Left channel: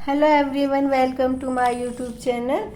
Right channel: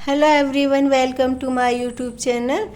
Hello everyone, welcome to my YouTube channel.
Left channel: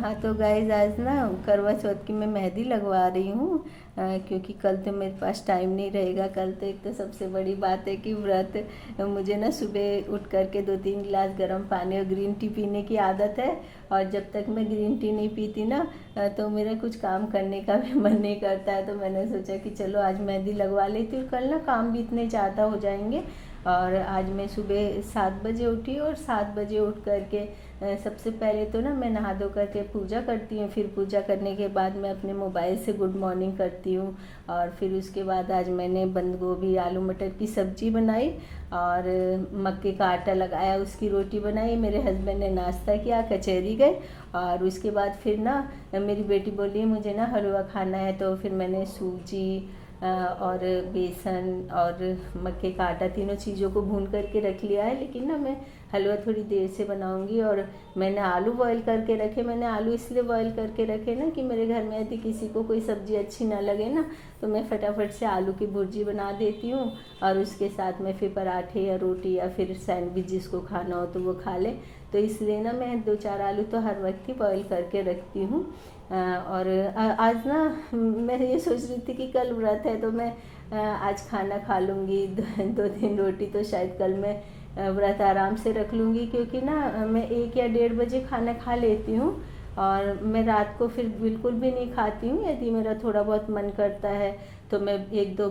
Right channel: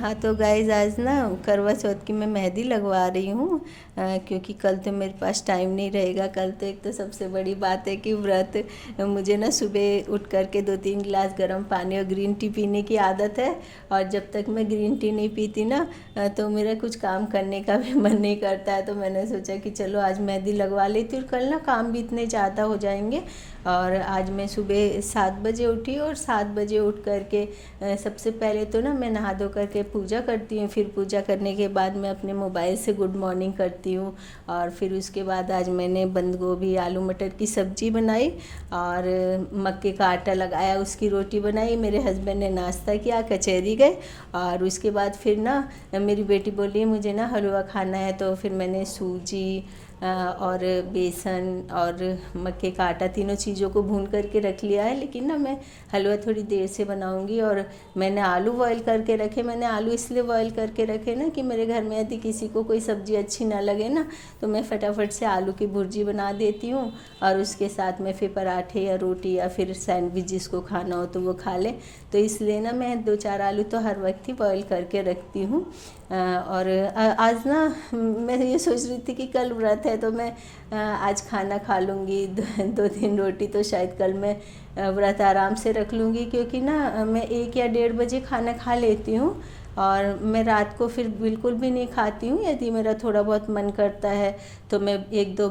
हाँ तो guys, आज ना करवा चौथ की मैं मेहंदी लगवा रही हूँ। क्योंकि कल तो मेरे पास टाइम नहीं रहेगा। कल तो एक तो सबसे बड़ी बात है कि व्रत, मुझे ना सुबह उठ करके 2-3 गिलास गर्म पानी और ग्रीन टी पीने की आदत है। और जब तक मैं ग्रीन टी नहीं पीती ना तो मेरा कुछ काम करने का भी मन नहीं करता है। तो मैंने सोचा कि चलो आज मेहंदी लगवा लेती हूँ, कल ना काम भी इतने ज़्यादा हो जाएंगे। और आज मैं सुबह 7 बजे उठी और 7 बजे उठ करके सबसे पहले तो ना मैं नहा धो करके पूजा करती हूँ। फिर पूजा करने के बाद मैं अपने मोबाइल से गुड मॉर्निंग करती हूँ। और फिर उसके बाद आज मैंने बंद गोभी आलू मटर की सब्ज़ी बनाई और मक्के का आटा लगाया, उसकी रोटी बनाई। मेरे हस्बैंड ने नाश्ता किया, कचहरी गए। और उसके बाद फिर ना मेरी बेटी बोली मुझे ना हलवा खाना है, तो फिर मैंने सूजी और बेसन और मक्के का आटा तीनों चीज़ों को भून करके रख लिया है। लेकिन ना मैं हलवा थोड़ी देर से बनाऊंगी। और मैंने आलू बॉईल करके रखे। मैंने आलू इसलिए बॉईल करके रखे ना कि मेरे घर में यदि किसी को कोई सब्ज़ी अच्छी ना लगे ना तो मैं फटाफट से आलू की भुर्जी बना देती हूँ। और उसके साथ में फिर पराठे या रोटी या फिर सैंडविच जिसको खाना हो तो वो खा ले। तो इसलिए ना मैं 2-4 आलू तो हर वक्त ही बॉईल करके रखती हूँ। और आज ना मैं ये सोच रही थी कि कल व्रत है तो मैं आज खाना खा लूँगी 2-3 रोटी। तो शायद कल मैं व्रत आराम से रख लूँगी, क्योंकि ना मैं 1 या 1:30 बजे खाना खा लेती हूँ। और मैं रात को फिर बिल्कुल भी नहीं खाती हूँ। यदि मेरा थोड़ा बहुत मन करता है तो मैं 1-2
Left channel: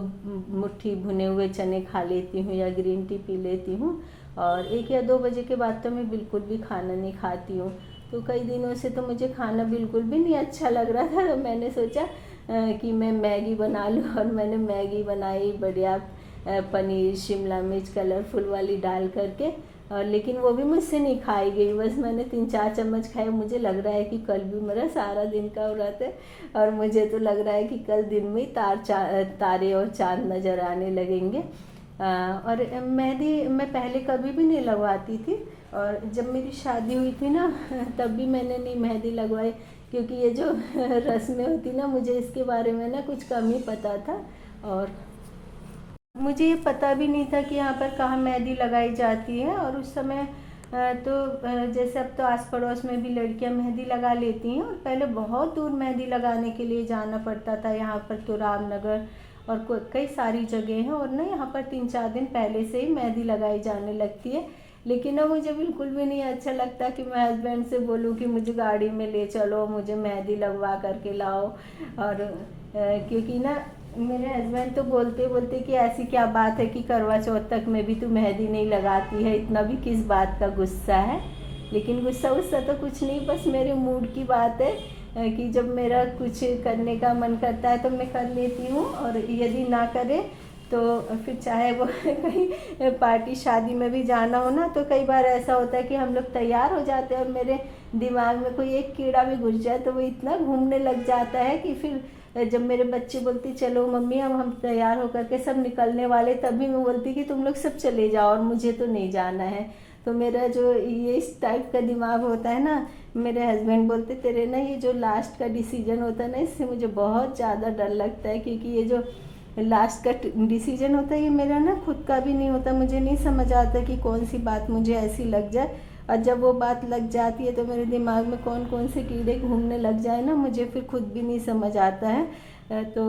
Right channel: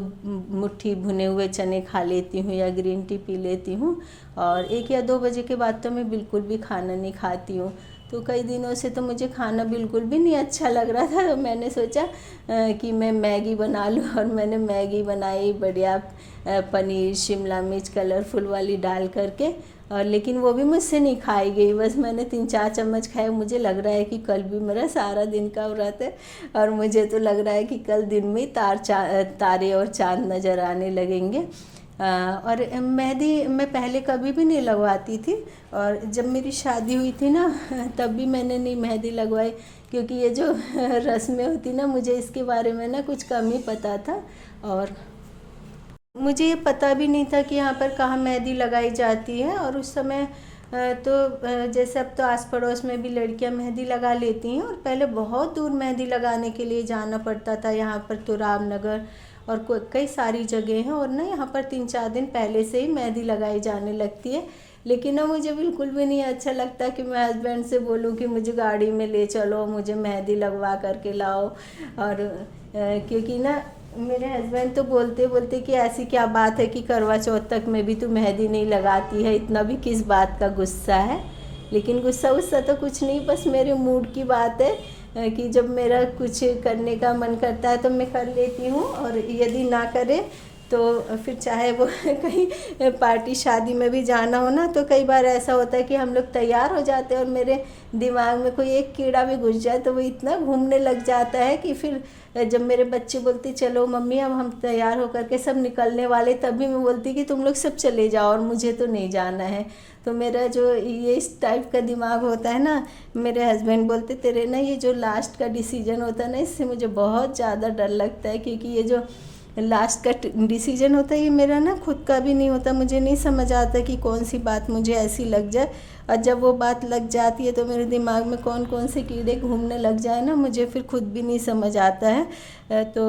मुट्ठी भुने हुए चने खा लेती हूँ या ग्रीन टी पी लेती हूँ। और 1 या 2 बजे के बाद तो मैं बिल्कुल भी खाना नहीं खाती हूँ। तो कई दिनों से तो मुझे खाना बिल्कुल भी नहीं अच्छा लग रहा था। तो मैंने सोचा कि मैं मैगी बना लूँ। और मैंने मैगी बनाई बढ़िया, पनीर शिमला मिर्च कलरफुल वाली डाल करके। और लेकिन वो भी मुझसे नहीं खाई गई, बस मैंने 3-4 चम्मच खाए। मुझे लग रहा है कि कल भी मेरा सारा दिन का व्रत है। और मुझे तो लग रहा है कि कल दिन में तारे और चांद नज़र आने लगेंगे। और मेहंदी मैं पहले कभी भी नहीं लगवाती थी। और जब मेरी शादी हुई थी ना तब भी मैंने नहीं मेहंदी लगवाई, क्योंकि ये जो रस्में होती ना मुझे इसके बारे में ना कुछ कम ही पता था। और मुझे ये पता भी नहीं था कि यहाँ पर कहाँ मेहंदी लगाई जाती है। और उस समय जैसे अब तो आस पड़ोस में भी लड़कियाँ मेहंदी लगा लेती हैं, और पहले बहुत दूर मेहंदी लगाने के लिए जाना पड़ता था। यहाँ पर तो रामनगर और कई सारी जगह हैं, और ना यहाँ पर 3-4 दिन पहले से ही मेहंदी लगाई जाने लगती है। लेकिन ना मुझे बिल्कुल भी नहीं अच्छा लगता कि मैं हस्बैंड से बोलूँ कि मुझे गाड़ी में ले चलो, मुझे मेहंदी लगवा करके लाओ। और क्योंकि ना मेरे हस्बैंड तो बोलते बोलते कि ऐसी क्या बात है कि करवा चौथ तक में भी तू मेहंदी नहीं लगाती है, इतना भी किस बात का गुस्सा है। लेकिन गुस्सा वुस्सा तो कुछ नहीं, बस मेरे मूड की बात है कि जब मेरा कुछ करने का मन करता है तो मैं कर लेती हूँ, और यदि ना करे तो फिर चाहे वो कहीं पार्टी शादी में भी जाना हो ना, तो कई बार ऐसा होता है कि हम लोग तैयार हो जाते हैं और मेरे दिमाग में कोई एक कीड़ा भी घुस जाए तो वो इतना घूमने लग जाता है कि फिर जब मेरे बच्चे बोलते चलो मम्मी अब हम तैयार होकर के सब निकलने वाले, तभी मैं बोलती कि तुम लोग सब चले जाओ और मुझे तो नहीं जाना है। तो मेरा जो ये इस टाइप का दिमाग होता है ना, मेरे हस्बैंड बोलते तेरे ना ये जो लास्ट का डिसीजन होता है ना, इससे मुझे बहुत ज़्यादा डर लगता है। क्योंकि ये जो लास्ट का डिसीजन होता है ये मेरा ना खुद का भी नहीं होता। मुझे नहीं समझ आता कि कौन सी बात मुझे ऐसी लग जाए, और जब वो बात लग जाती है तो मेरे दिमाग में कौन कौन से कीड़े घूमने लग जाए ना, मुझे फिर खुद भी नहीं समझ आता है। तो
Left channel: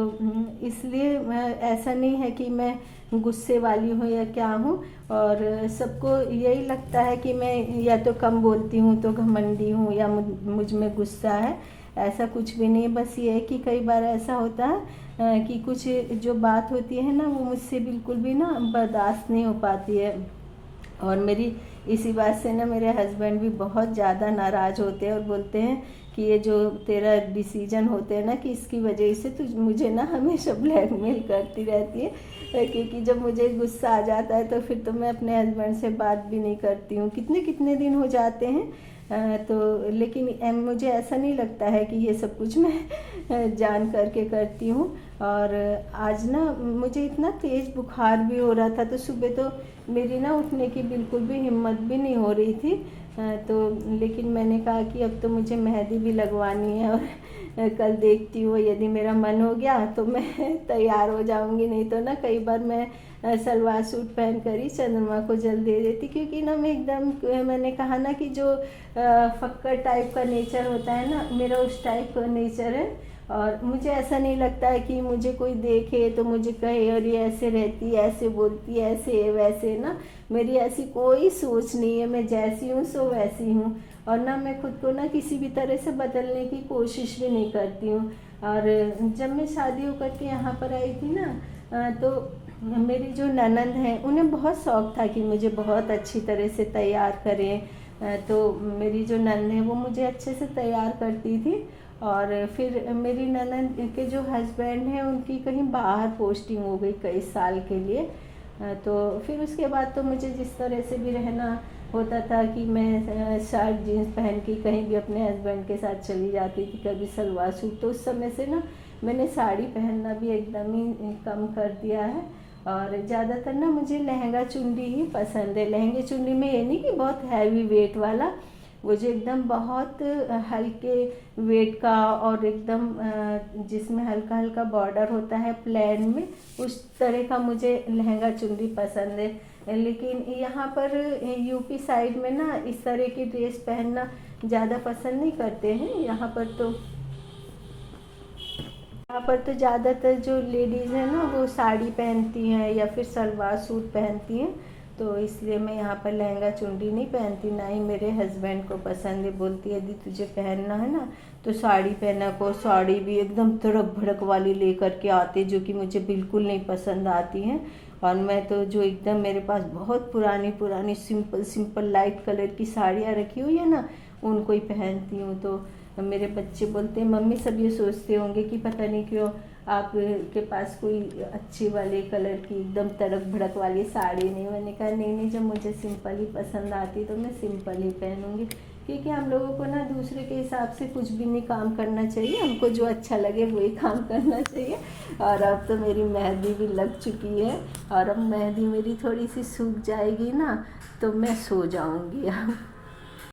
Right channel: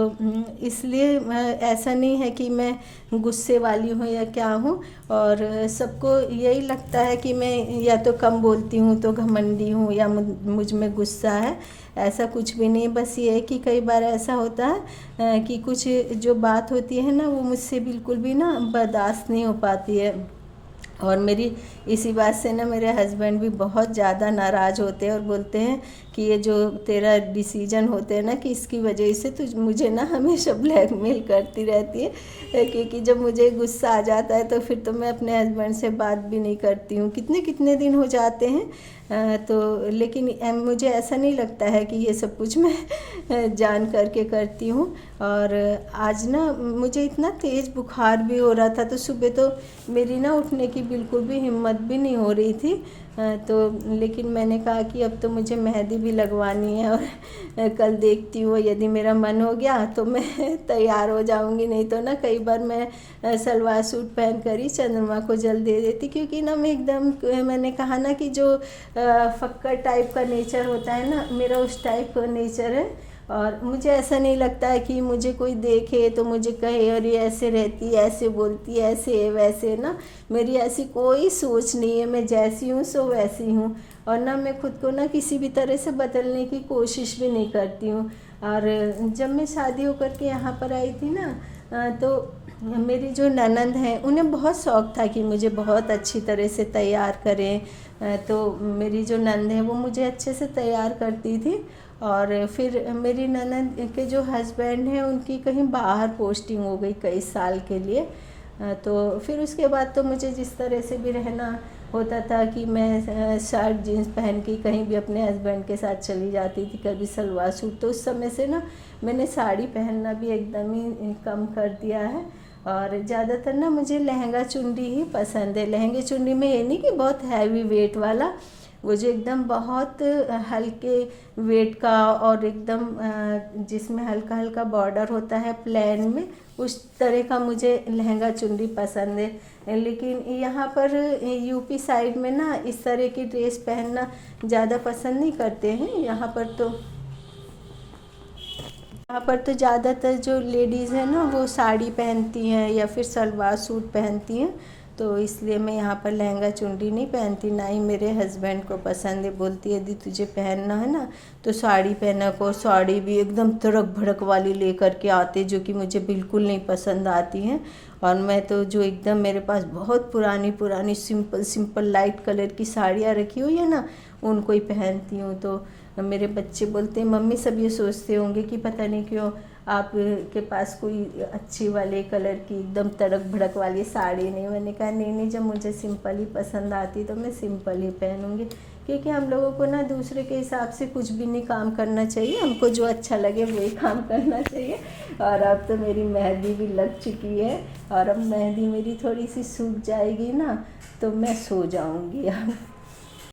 इसलिए ऐसा नहीं है कि मैं गुस्से वाली हूँ या क्या हूँ। और सबको यही लगता है कि मैं या तो कम बोलती हूँ तो घमंडी हूँ या मुझ में गुस्सा है। ऐसा कुछ भी नहीं है, बस ये है कि कई बार ऐसा होता है कि कुछ जो बात होती है ना वो मुझसे बिल्कुल भी ना बर्दाश्त नहीं हो पाती है। और मेरी इसी बात से ना मेरे हस्बैंड भी बहुत ज़्यादा नाराज़ होते हैं और बोलते हैं कि ये जो तेरा डिसीजन होते हैं ना कि इसकी वजह से तुझ मुझे ना हमेशा ब्लैकमेल करती रहती है। क्योंकि जब मुझे गुस्सा आ जाता है तो फिर तो मैं अपने हस्बैंड से बात भी नहीं करती हूँ, कितने कितने दिन हो जाते हैं। तो लेकिन मुझे ऐसा नहीं लगता है कि ये सब कुछ मैं जान करके करती हूँ। और आज ना मुझे इतना तेज़ बुखार भी हो रहा था, तो सुबह तो मेरी ना उठने की बिल्कुल भी हिम्मत भी नहीं हो रही थी। तो लेकिन मैंने कहा कि अब तो मुझे मेहंदी भी लगवानी है, और कल देखती हूँ यदि मेरा मन हो गया तो मैं तैयार हो जाऊँगी, नहीं तो ना कई बार मैं सलवार सूट पहन कर ही चंद्रमा को जल दे देती, क्योंकि ना मैं एकदम, मैंने कहा ना कि जो फक्कड़ टाइप का नेचर होता है ना, मेरा उस टाइप का नेचर है। और मुझे ऐसा नहीं लगता है कि मुझे कोई देखे तो मुझे कहे अरे ऐसे रहती है, ऐसे बोलती है, ऐसे वैसे ना, मेरी ऐसी कोई सोच नहीं है। मैं जैसी हूँ सो वैसी हूँ, और ना मैं खुद को ना किसी भी तरह से बदलने की कोशिश भी नहीं करती हूँ। और जब मैं शादी होकर के यहाँ पर आई थी ना, तो मेरी जो ननंद हैं उन्हें बहुत शौक़ था कि मुझे बहुत अच्छी तरह से तैयार करें। तो मेरी जो ननद है वो मुझे अच्छे से तैयार करती थी। और फिर मेरी ननद के जो हस्बैंड हैं उनकी कहीं बाहर पोस्टिंग हो गई कई साल के लिए। तो फिर उसके बाद तो मुझे जिस तरह से भी रहना होता था कि मैं शर्ट जीन्स पहन के कहीं भी अपने हस्बैंड के साथ चली जाती थी, कभी सलवार सूट। तो उस समय से ना मैंने साड़ी पहनना भी एकदम ही कम कर दिया है, और ज़्यादातर ना मुझे लहंगा चुन्नी ही पसंद है। लहंगे चुन्नी में ये नहीं कि बहुत हैवी वेट वाला, वो जो एकदम बहुत हल्के वेट का और एकदम जिसमें हल्का हल्का बॉर्डर होता है प्लेन में, उस तरह का मुझे लहंगा चुन्नी पसंद है। लेकिन यहाँ पर यूपी साइड में ना इस तरह की ड्रेस पहनना ज़्यादा पसंद नहीं करते हैं। यहाँ पर तो ज़्यादातर जो लेडीज़ हैं ना वो साड़ी पहनती हैं या फिर सलवार सूट पहनती हैं। तो इसलिए मैं यहाँ पर लहंगा चुन्नी नहीं पहनती, ना ही मेरे हस्बैंड को पसंद है। बोलती है यदि तुझे पहनना है ना तो साड़ी पहना कर, साड़ी भी एकदम तड़क भड़क वाली लेकर के आते जो कि मुझे बिल्कुल नहीं पसंद आती हैं। और मैं तो जो एकदम, मेरे पास बहुत पुरानी पुरानी सिंपल लाइट कलर की साड़ियाँ रखी हुई है ना, उनको ही पहनती हूँ। तो मेरे बच्चे बोलते हैं मम्मी, सब ये सोचते होंगे कि पता नहीं क्यों आप के पास कोई अच्छी वाले कलर की एकदम तड़क भड़क वाली साड़ी नहीं। मैंने कहा नहीं, जब मुझे सिंपल ही पसंद आती तो मैं सिंपल ही पहनूंगी, क्योंकि हम लोगों को ना दूसरे के हिसाब से कुछ भी नहीं काम करना चाहिए, हमको जो अच्छा लगे वही काम करना चाहिए। और अब तो मेरी मेहंदी भी लग चुकी है, और अब मेहंदी मेरी थोड़ी सी सूख जाएगी ना तो मैं सो जाऊंगी अब।